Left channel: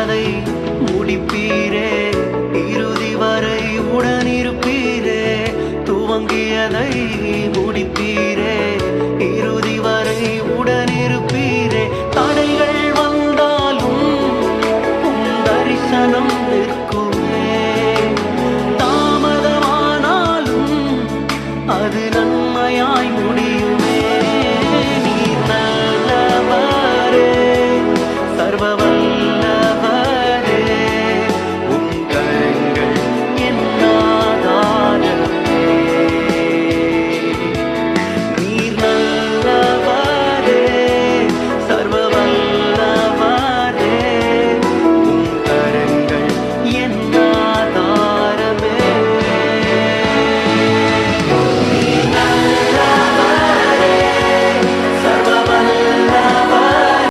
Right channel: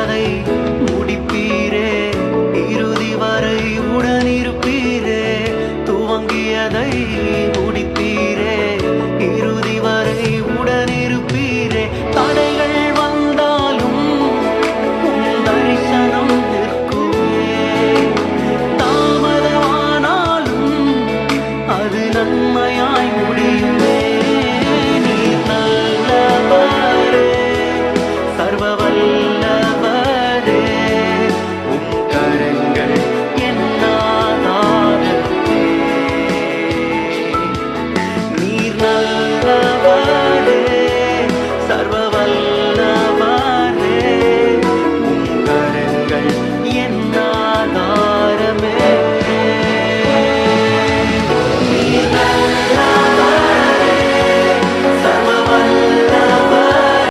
துவங்கியதை முடிப்பீரே, இறுதி வரை உடனிருப்பீரே. துவங்கியதை முடிப்பீரே, இறுதி வரை உடனிருப்பீரே. தடைகள் வந்தாலும் உம் தரிசனம் நிற்குமே, தாமதமானாலும் அது நன்மையாய் முடியுமே. நீர் நல்லவரே, சர்வ